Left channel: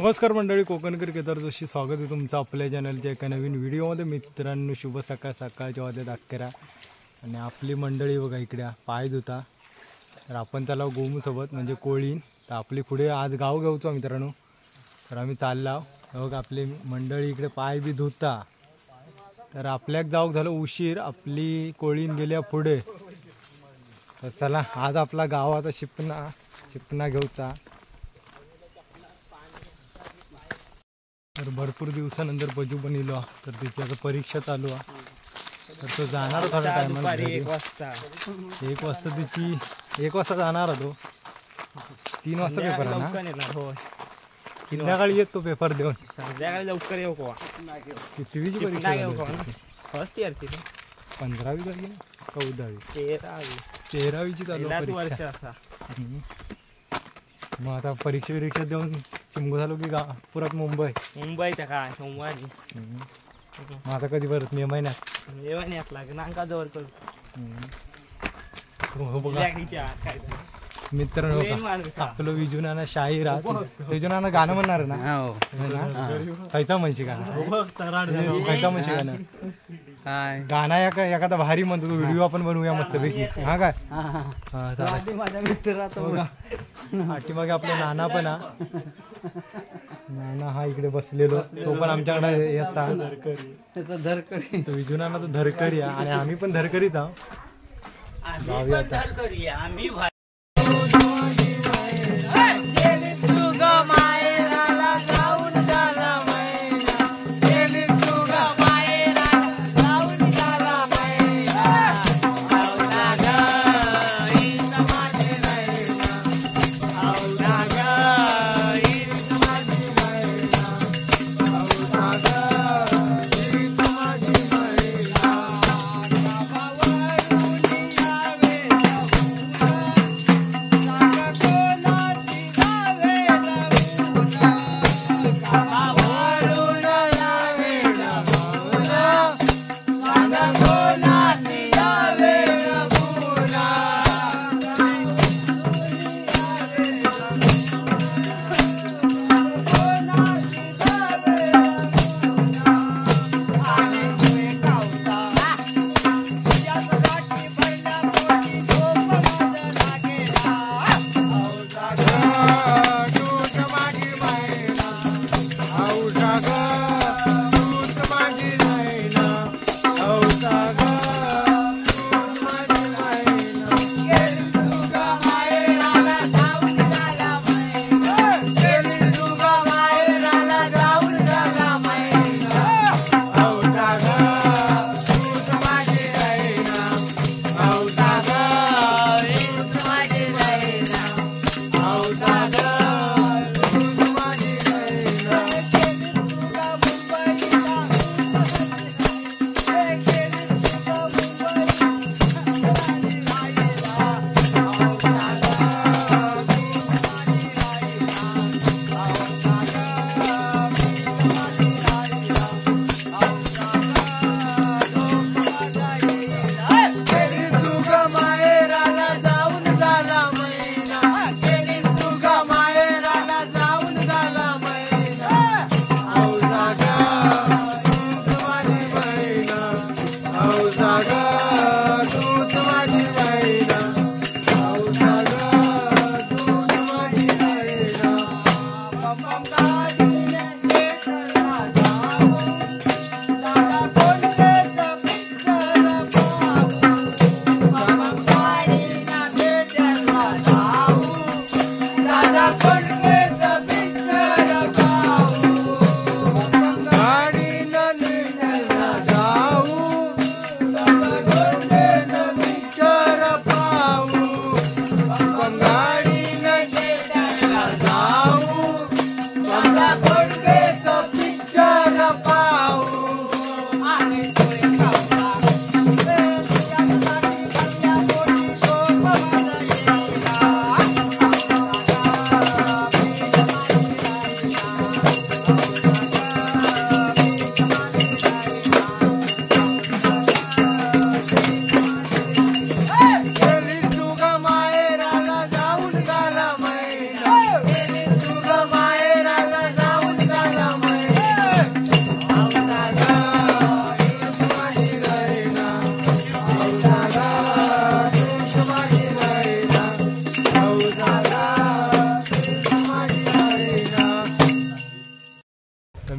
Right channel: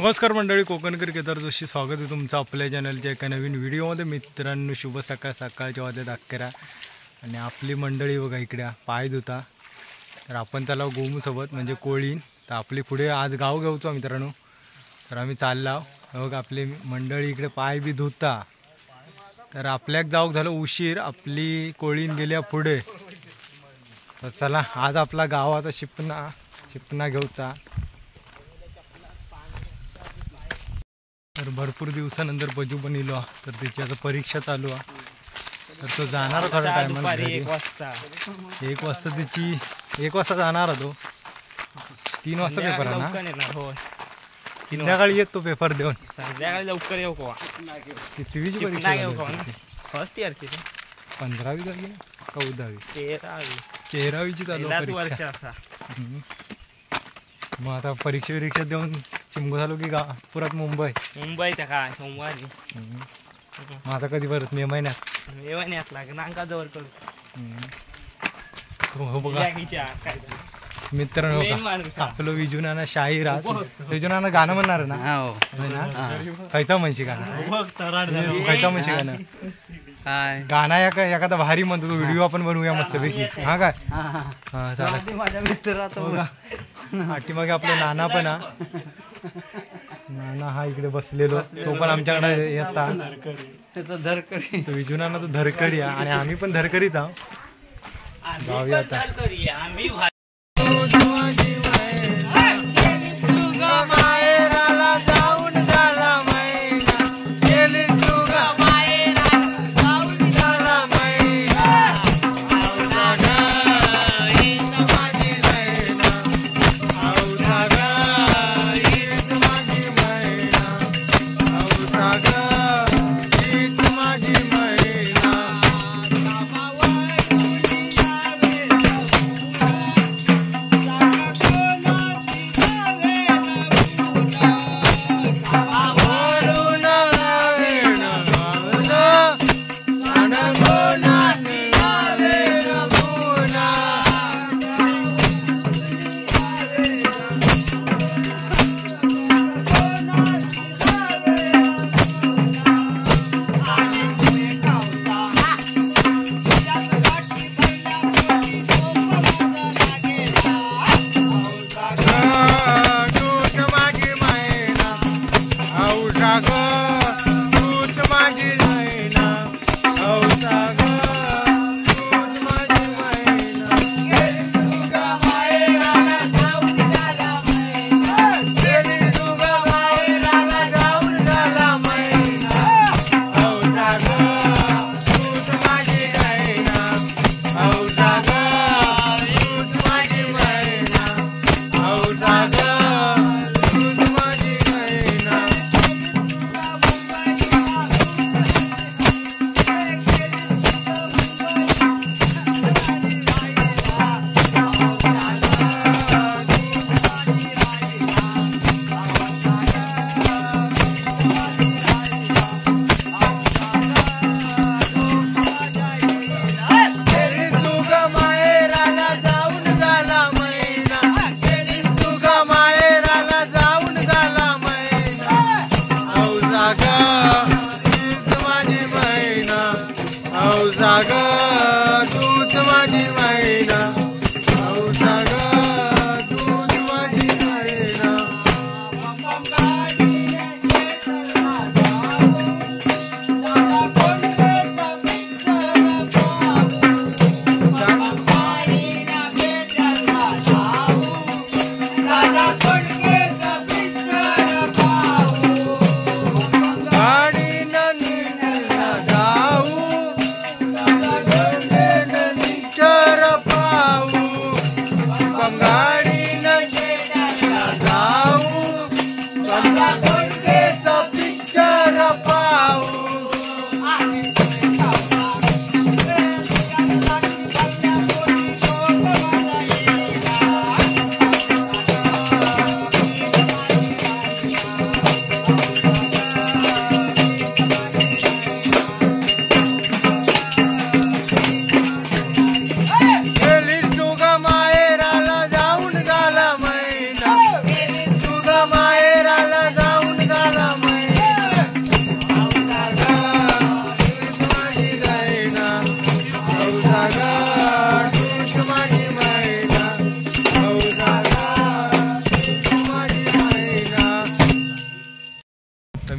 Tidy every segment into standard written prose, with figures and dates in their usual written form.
नमस्कार मंडळी, कोकणकर केदार जोशी स्वागत आहे तुमचं आपल्या चॅनलच्या एका नवीन व्हिडिओमध्ये. मित्रांनो, शुभ सकाळ. सकाळच्या वाजत 11 आणि आपली मंडळी बघा इकडे पाय धुता. तर आपण त्याला गोमूसोबत म्हणजे कोळीन. तर आपली पुढे आज गाव घेऊचो मित्रांनो. तर आम्ही चाललो बघा, आपली मंडळी इकडे पाय बी धुता. तर आपल्याक जाऊक झालं उशीर, आपली कोळीन गेल्या पुढे. तर चला आज आपला गावाचा शिपना घेऊचा. तर भरपूर दिवसानंतर बजू पण इलो. तर त्याची आता परीक्षा चालू आहे. तर तो जाणार थोड्या टायमात 1 वाजता. 1 वाजता त्याची 1 वाजता जाणार तो. 3 वाजता पेपर आहे ना. संध्याकाळी येतो पेपर देऊन. संध्याकाळी लवकर येऊ का? कितवीची परीक्षा फर्स्ट इयरची 15वी झाली 14वी 13वीची चालू परीक्षा. मग आता परीक्षा देऊन चिमगो झालो की पुरात मुंबईत काय सोमवारी. मग आता कधी परत मे महिन्यात नांका जवळ करू. हो बघा मित्रांनो, आपलं विजुनाना शाहीर विजुनाना गाणं म्हणणार ना. खायचा म्हणशी गाणं खायचा म्हणशी गाणं गाणं एखादा भारी म्हणतो तो. व्हिडिओ आपण बनवूया मस्तपैकी. हा काय माझ्या मित्र पाठीमागे आपला नाना पण नाना हा इकडे बसलेलो. तो पण आमच्याकडे येतात. विजुनाना तो धरकरी आहे आणि आम्ही पण धरकरीच आहोत. जाऊया आता.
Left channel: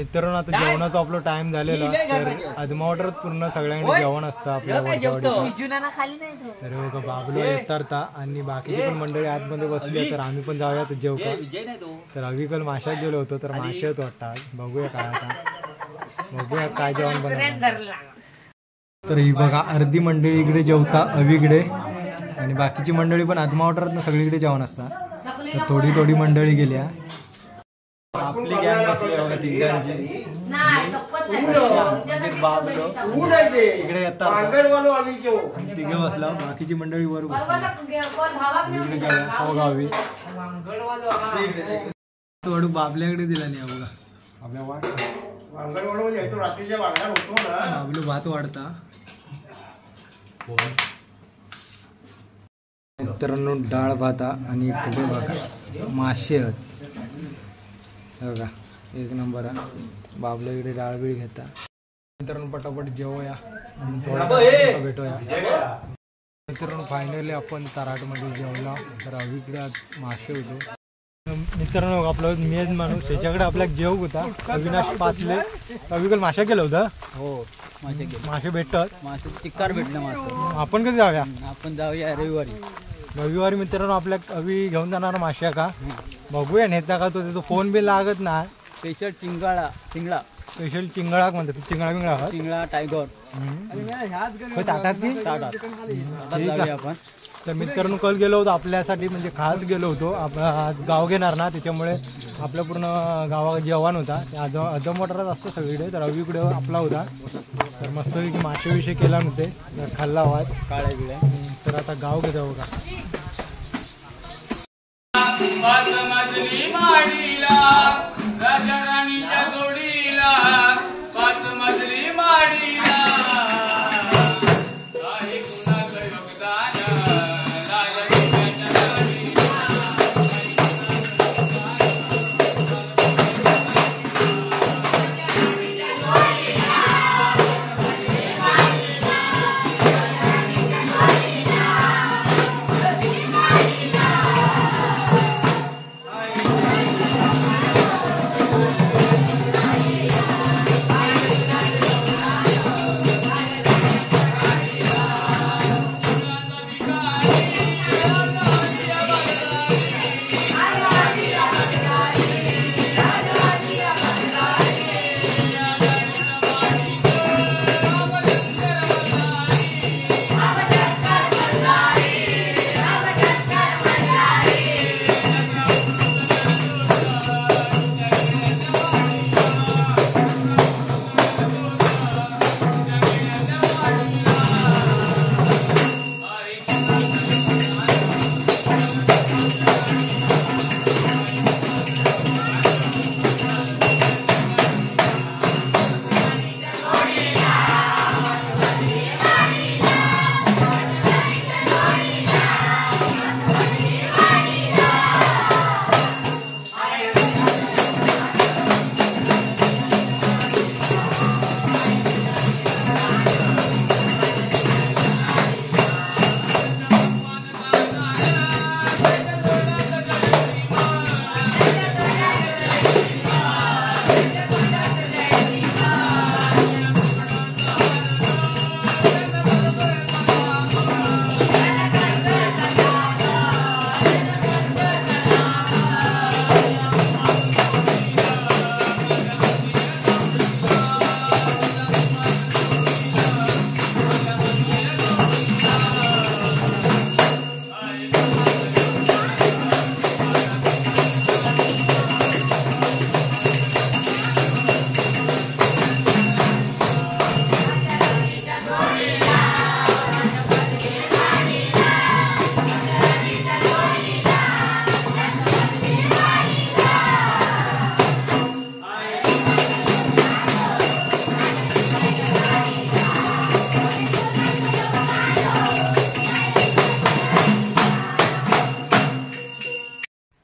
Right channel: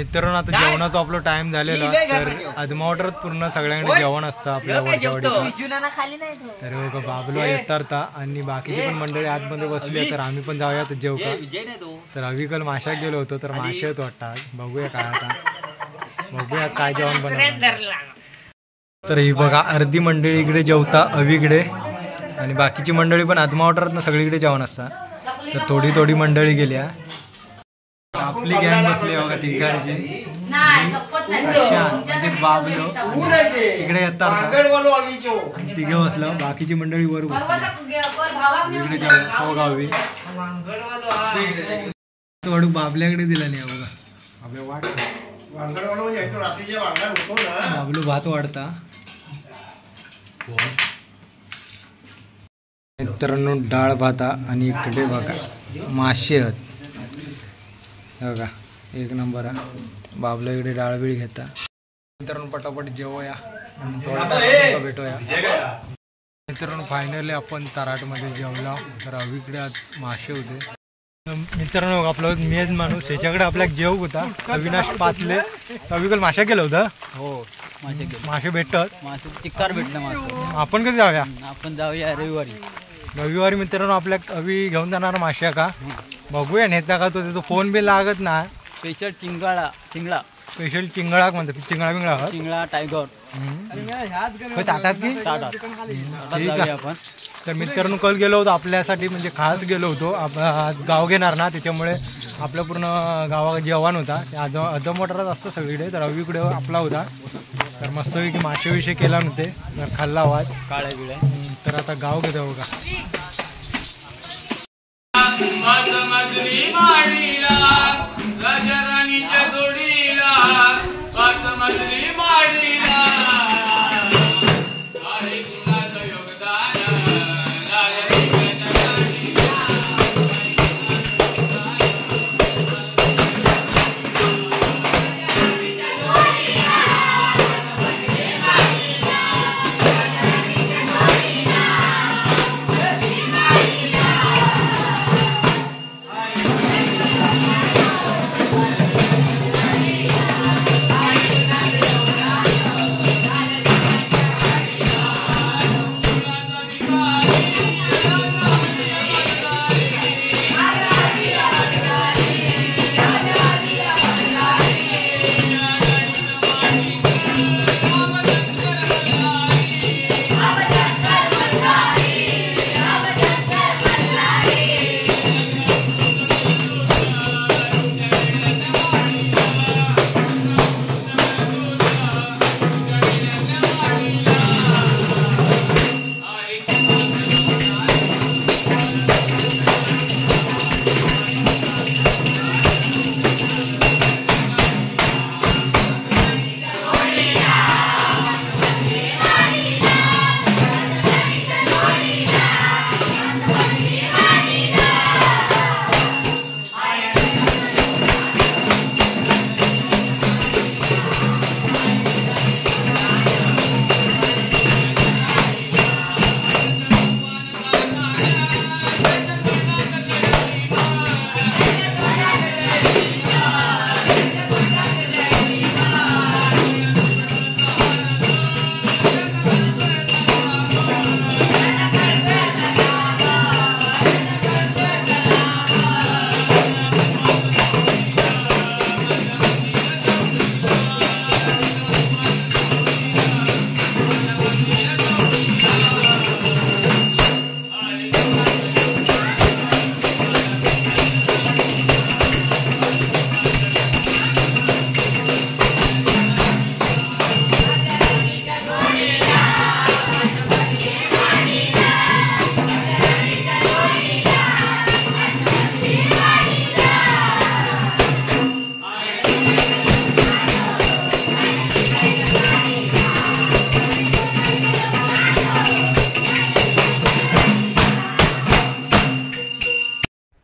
मित्रांनो आता जेवणाचा आपला टाइम झालेला तर आदमावटरात पूर्ण सगळ्यांकडे जेवण असतं आपल्या वरच्यावाडीचं. तर बघा बाबलो येतात आणि बाकीची पण मंडळी आतमध्ये बसली तर आम्ही पण जाऊयात जेव का. तर आम्ही काल माशात गेलो होतो तर मासे होत वाटतात. बघूया काय आता बघूया काय जेवण बनवणार. तर ही बघा अर्धी मंडळी इकडे जेवता अवीकडे आणि बाकीची मंडळी पण आदमावटरात सगळीकडे जेवण असतात. तर थोडी थोडी मंडळी गेल्या. आपली गँग बसली बघा तिघांची. म्हणजे बाबलो इकडे येतात तिघे बसला बाकीची मंडळी वर बसली इकडे गावी थोडं बाबल्याकडे दिला नाही बघा. बाबलो भात वाढता. मित्रांनो डाळ भाता आणि इकडे बघा मासे आहेत बघा एक नंबर आहे. बाबला इकडे डाळबिळ घेता. मित्रांनो पटापट जेवूया आणि थोडा भेटूया. मित्रांनो फायनली आपण तराटमध्ये जेवला. तर अवीकडे आज मासे होते. मित्रांनो आपला मेन माणूस ह्याच्याकडे आपल्या जेव होता अविनाश पाचले. अवीकडे मासे केलं होतं. हो मासे भेटतात. मासे चिक्कार भेटलं मासे. आपण कधी जाऊया. आपण जाऊया रविवारी. मित्रांनो आपल्या अवी घेऊन जाणार मासे का बघूया नेता का तो त्याचा फोन बी लागत ना. स्पेशल चिंगळा स्पेशल चिंगळा म्हणतात. चिंगळा टायगर ताटात की जाऊया आपण. तर मित्रांनो कल गेलो होतो आपल्यासाठी म्हणजे खास गेलो होतो. गाव घेणार ना त्याच्यामुळे आपलं पूर्ण गावा जेवण होता. अदमोटरात असतं सगळीकडे. तर अवीकडे आपला होता. तर मस्तपैकी मासे विषय केला नव्हते तर खाल्ला आवाज काळ्या बिळ्या. तर आता गाव घेतो बघा.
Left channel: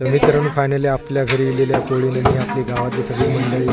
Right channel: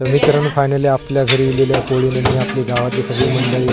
तर मित्रांनो फायनली आपल्या घरी गेलेल्या कोळीने आपली गावातली सगळी मंडळी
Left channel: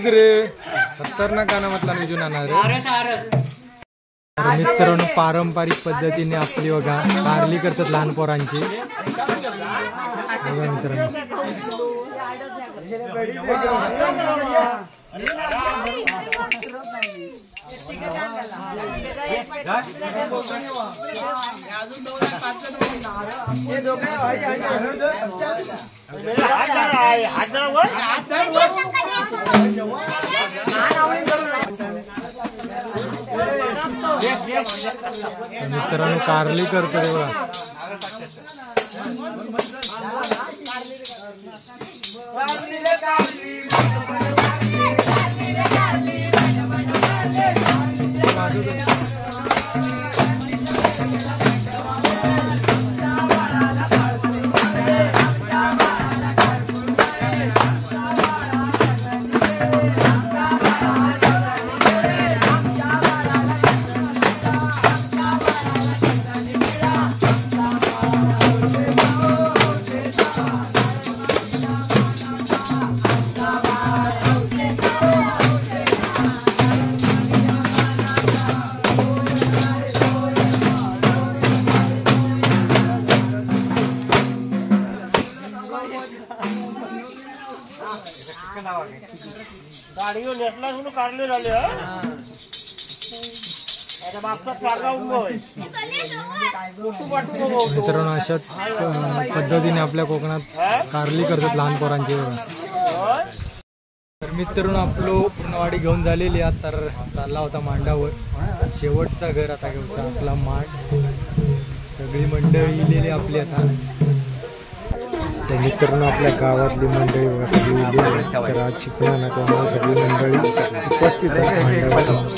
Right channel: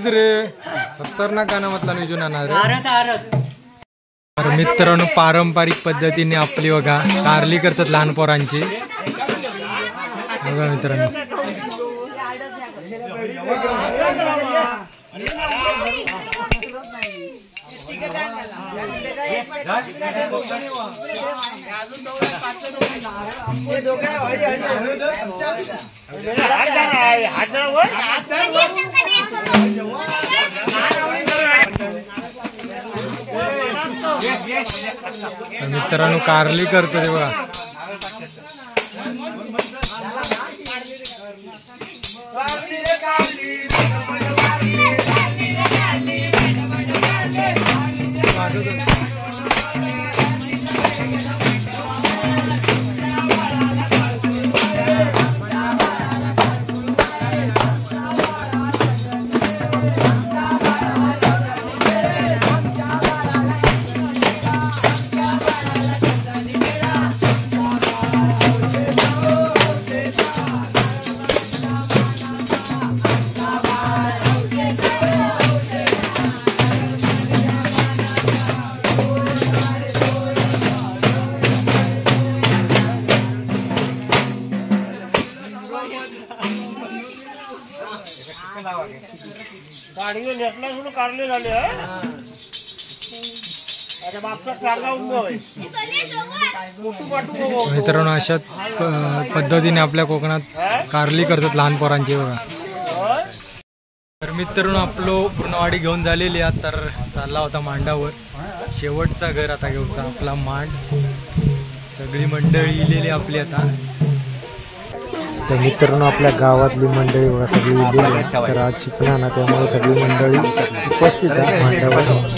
नक्कीच रे खतरनाक गाणं म्हटलं निजून आणणार रे. तर मित्रांनो पारंपरिक पद्धतीने आपली बघा कारली करतात लहान पोरांची बघा मित्रांनो. मित्रांनो कारली करतो रे बघा. मित्रांनो अशाच पद्धतीने आपल्या कोकणात कारली करतात लहान पोरांची बघा. तर मित्रांनो आपलो पूर्णवाडी घेऊन झालेली आहे. तर चालला होता मांडावर शेवटचा घर आता घेऊचा आपला मांड. सगळी मंडळी इलेली आपली आता. तर मित्रांनो आपल्या गावातली मंडळी बघा सगळी इलेली आहे. तर आज शिकणार ना त्यामुळे सगळी मंडळी उपस्थित आहे मांडावर.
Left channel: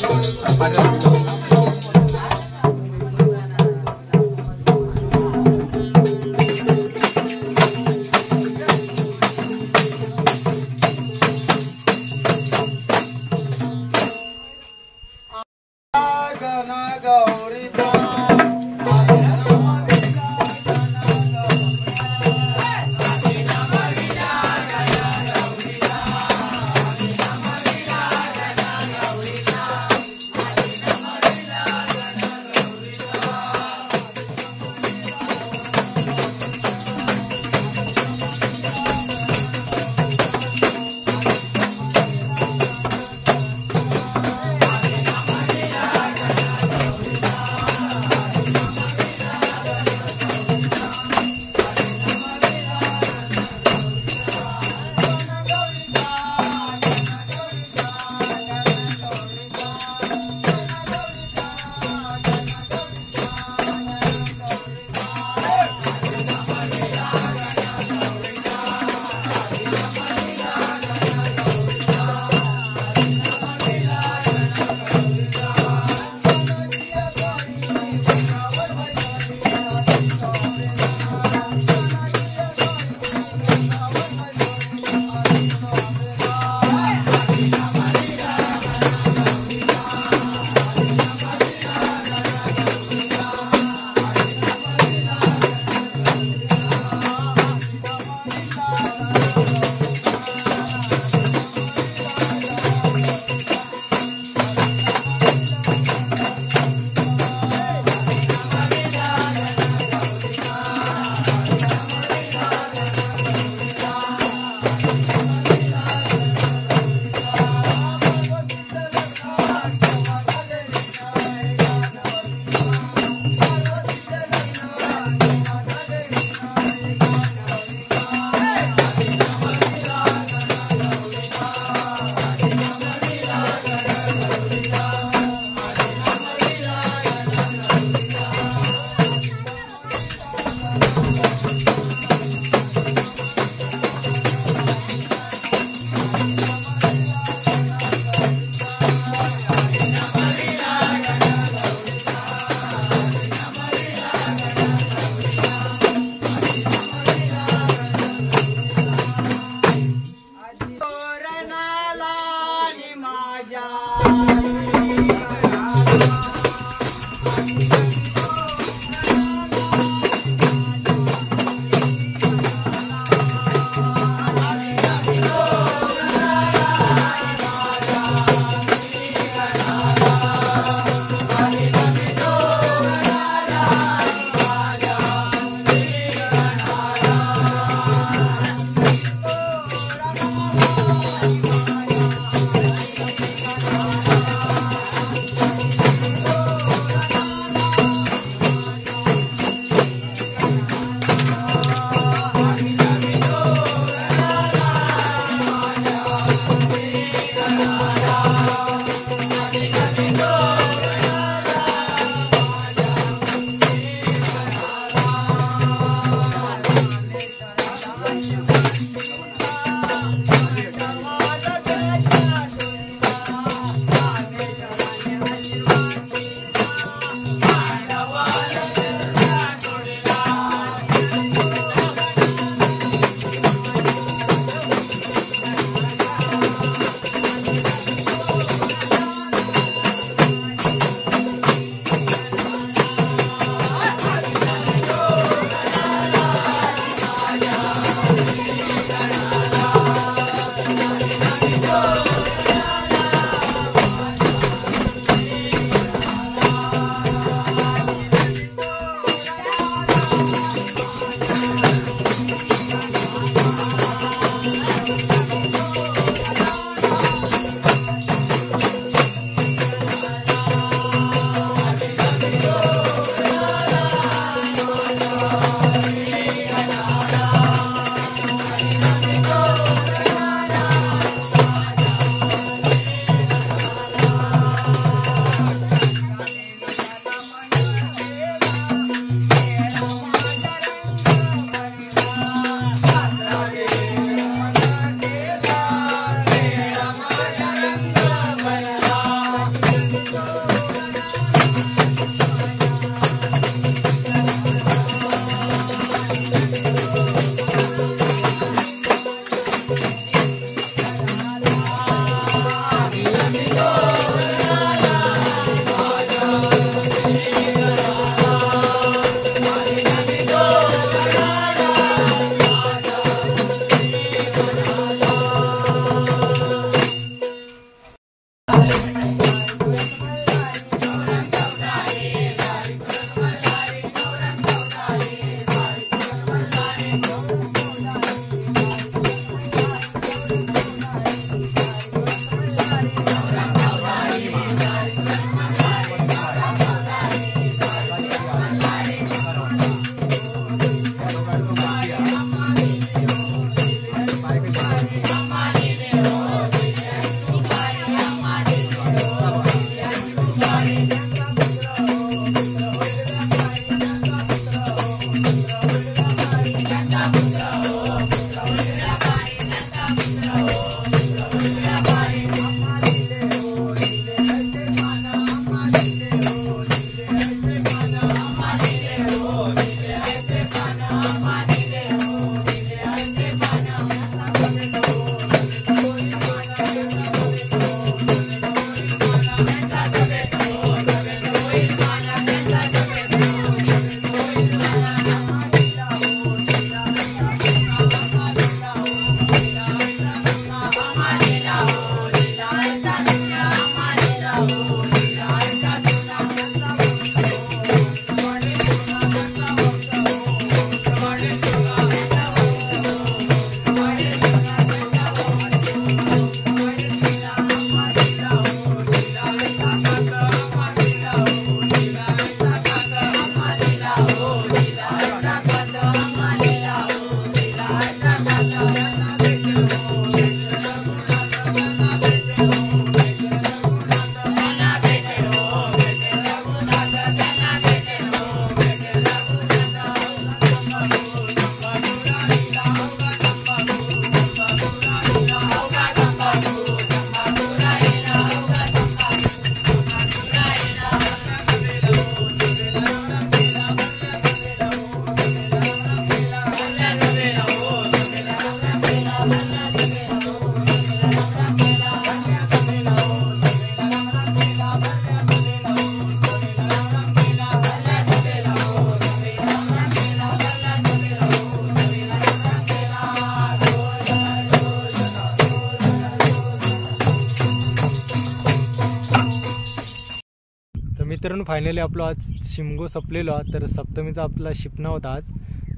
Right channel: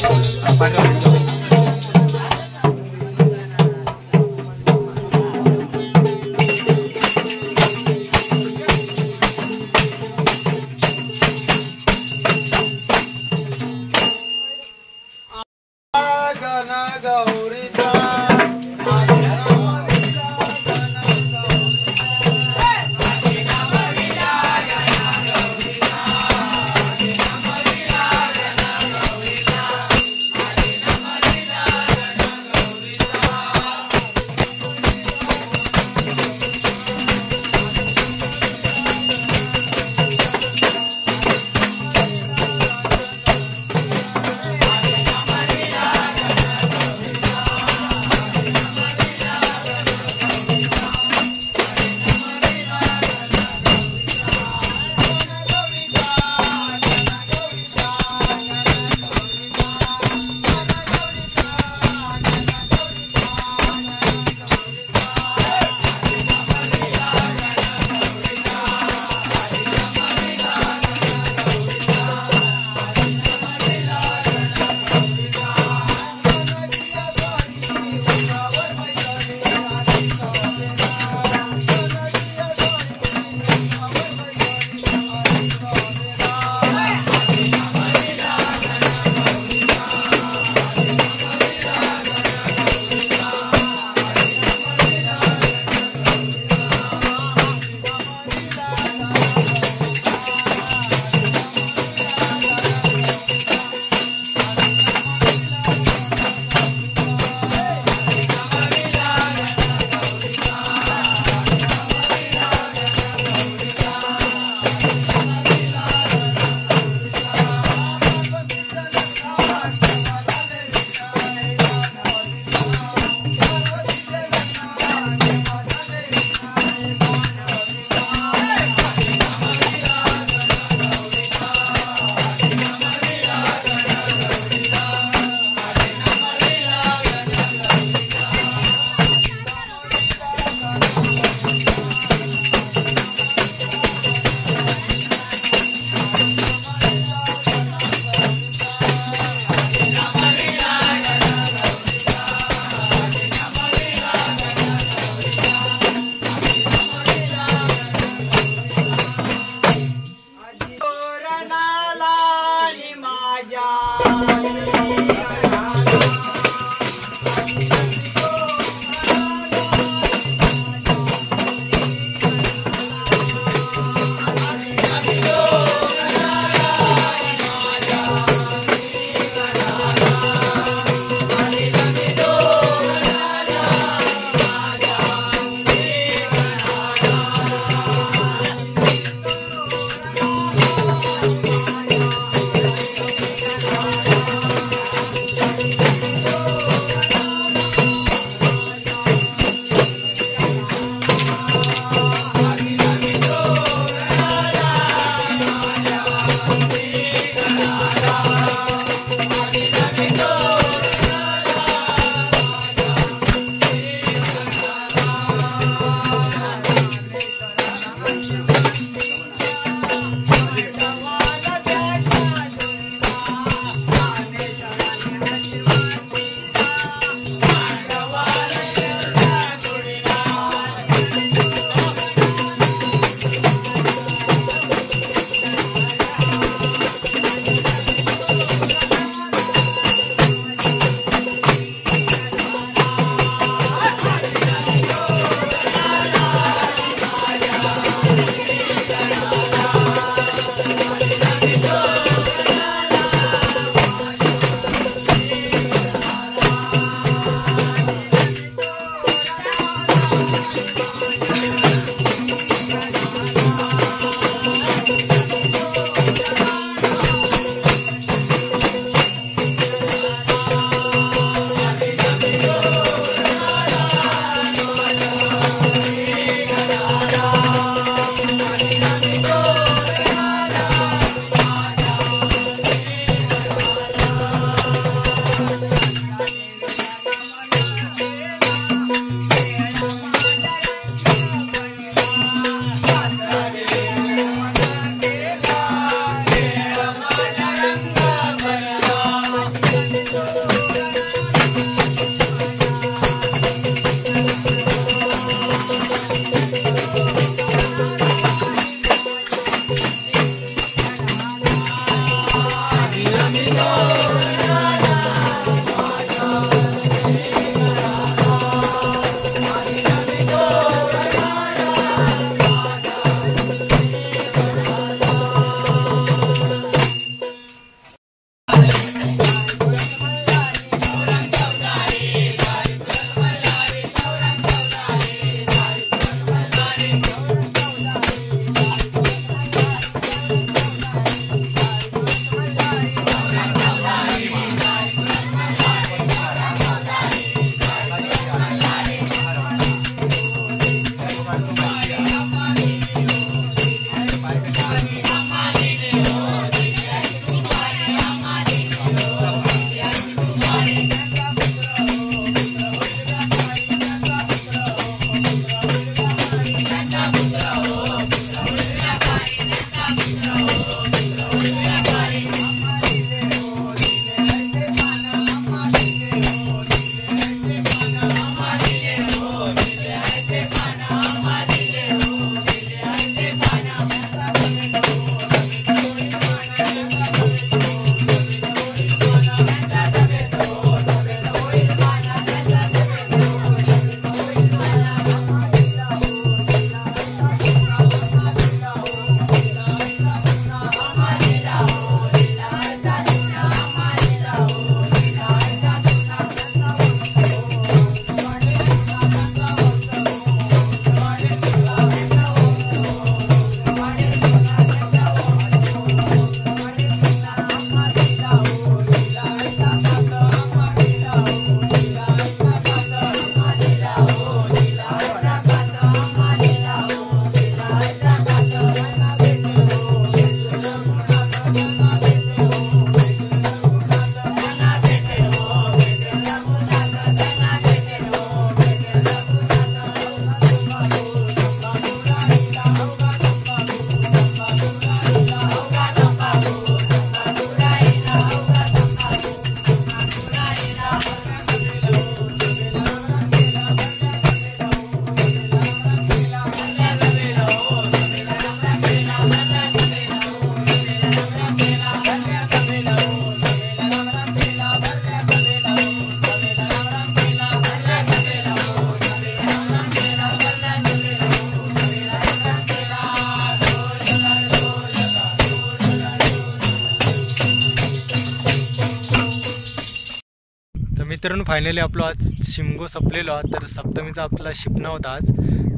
मित्रांनो फायनली आपलं आज शिमगो संपलेलो तर सप्तमीचा आपला शिपणा होता आज.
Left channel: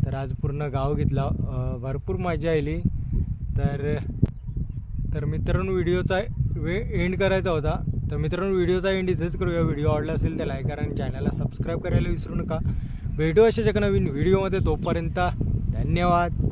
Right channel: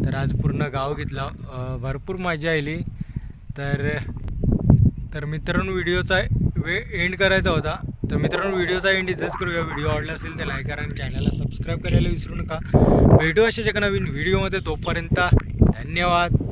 तर आज पूर्ण गाव घेतला, भरपूर मजा आली. तर मित्रांनो व्हिडिओचा एंड करायचा होता. तर मित्रांनो व्हिडिओचा एंड इथेच करूया. व्हिडिओ आवडला असेल तर लाईक करा आणि चॅनलला सबस्क्राईब करायला विसरू नका. भेटू अशाच एका नवीन व्हिडिओमध्ये. तोपर्यंत धन्यवाद.